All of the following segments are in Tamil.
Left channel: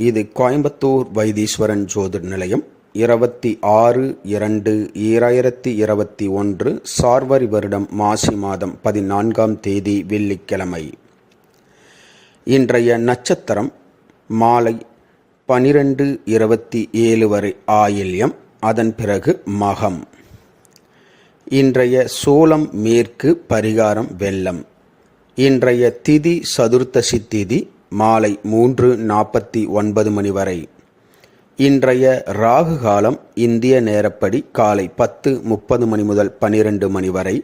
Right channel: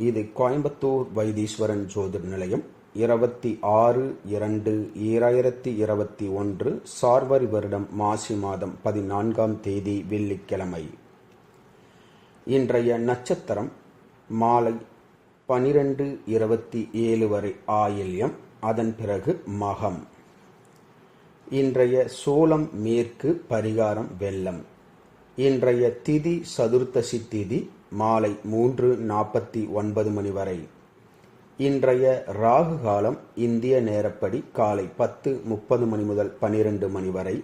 இது கோயம்புத்தூர் வைத்தீஸ்வரன் ஜோதிட நிலையம். 26/2/2021 சார்வரி வருடம் மாசி மாதம் 14ஆம் தேதி வெள்ளிக்கிழமை. இன்றைய நட்சத்திரம் மாலை 12:27 வரை ஆயில்யம், அதன் பிறகு மகம். இன்றைய சோளம் மேற்கு, பரிகாரம் வெள்ளம். இன்றைய திதி சதுர்த்தசி திதி மாலை 3:49 மணி வரை. இன்றைய ராகு காலம் இந்திய நேரப்படி காலை 10:30 மணி முதல் 12 மணி வரை.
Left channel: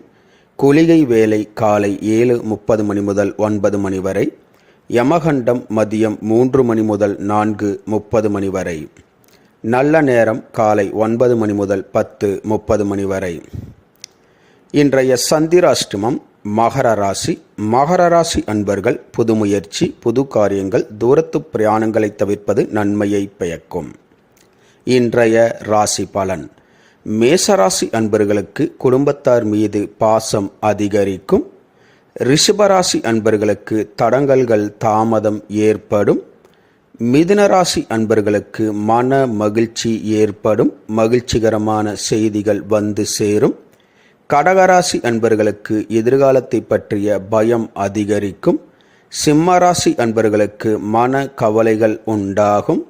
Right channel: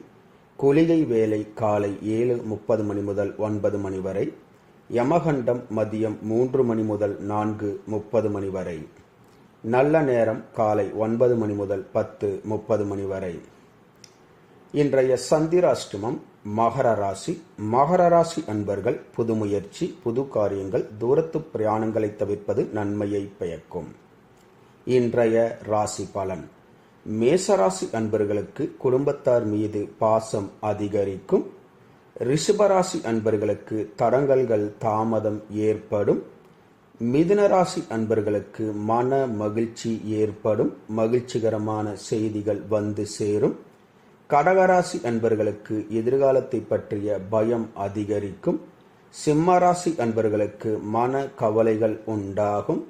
குளிகை வேலை காலை 7:30 மணி முதல் 9 மணி வரை. யமகண்டம் மதியம் 3 மணி முதல் 4:30 மணி வரை. நல்ல நேரம் காலை 9 மணி முதல் 10:30 மணி வரை. இன்றைய சந்திராஷ்டமம் மகர ராசி. மகர ராசி அன்பர்கள் புது முயற்சி, புது காரியங்கள், தூரத்து பிரயாணங்களை தவிர்ப்பது நன்மையை பயக்கும். இன்றைய ராசி பலன். மேசராசி அன்பர்களுக்கு குடும்பத்தார் மீது பாசம் அதிகரிக்கும். ரிஷபராசி அன்பர்களுக்கு தடங்கல்கள் தாமதம் ஏற்படும். மிதுனராசி அன்பர்களுக்கு மன மகிழ்ச்சி ஏற்படும். மகிழ்ச்சிகரமான செய்திகள் வந்து சேரும். கடகராசி அன்பர்களுக்கு எதிர்காலத்தை பற்றிய பயம் அதிகரிக்கும். சிம்மராசி அன்பர்களுக்கு மன கவலைகள் உண்டாகும்.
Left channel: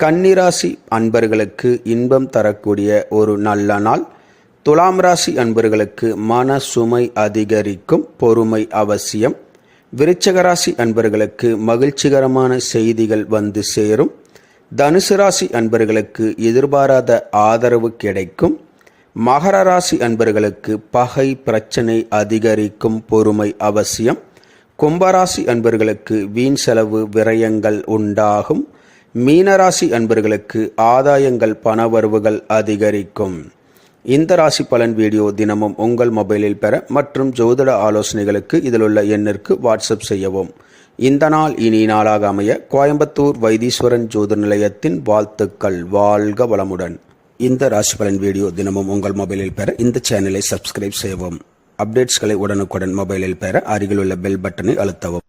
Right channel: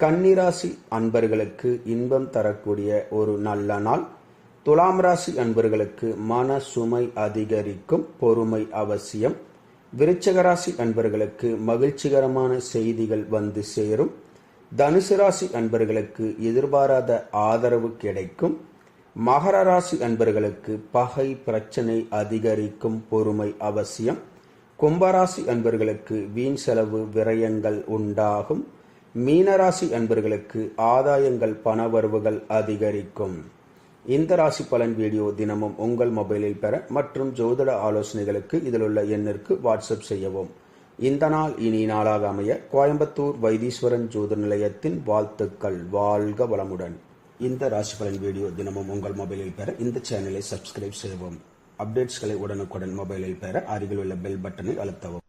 கன்னிராசி அன்பர்களுக்கு இன்பம் தரக்கூடிய ஒரு நல்ல நாள். துலாம் ராசி அன்பர்களுக்கு மன சுமை அதிகரிக்கும். பொறுமை அவசியம். விருச்சிகராசி அன்பர்களுக்கு மகிழ்ச்சிகரமான செய்திகள் வந்து சேரும். தனுசு ராசி அன்பர்களுக்கு எதிர்பாராத ஆதரவு கிடைக்கும். மகர ராசி அன்பர்களுக்கு பகை பிரச்சனை அதிகரிக்கும். பொறுமை அவசியம். கும்பராசி அன்பர்களுக்கு வீண் செலவு விரயங்கள் உண்டாகும். மீனராசி அன்பர்களுக்கு ஆதாயங்கள் பணவரவுகள் அதிகரிக்கும். இந்த ராசி பலன் வீடியோ தினமும் உங்கள் மொபைலில் பெற மற்றும் ஜோதிட ஆலோசனைகளுக்கு இதில் உள்ள எண்ணிற்கு வாட்ஸ்அப் செய்யவும். இந்த நாள் இனி நாளாக அமைய கோயம்புத்தூர் வைத்தீஸ்வரன் ஜோதிட நிலையத்தின் வாழ்த்துக்கள். வாழ்க வளமுடன். இந்த ராசி பலன் வீடியோ தினமும் உங்கள் மொபைலில் பெற இந்த சேனலை சப்ஸ்கிரைப் செய்யவும். அப்டேட்ஸ்களை உடனுக்குடன் மொபைலில் பெற அருகில் உள்ள பெல் பட்டனை அழுத்தவும்.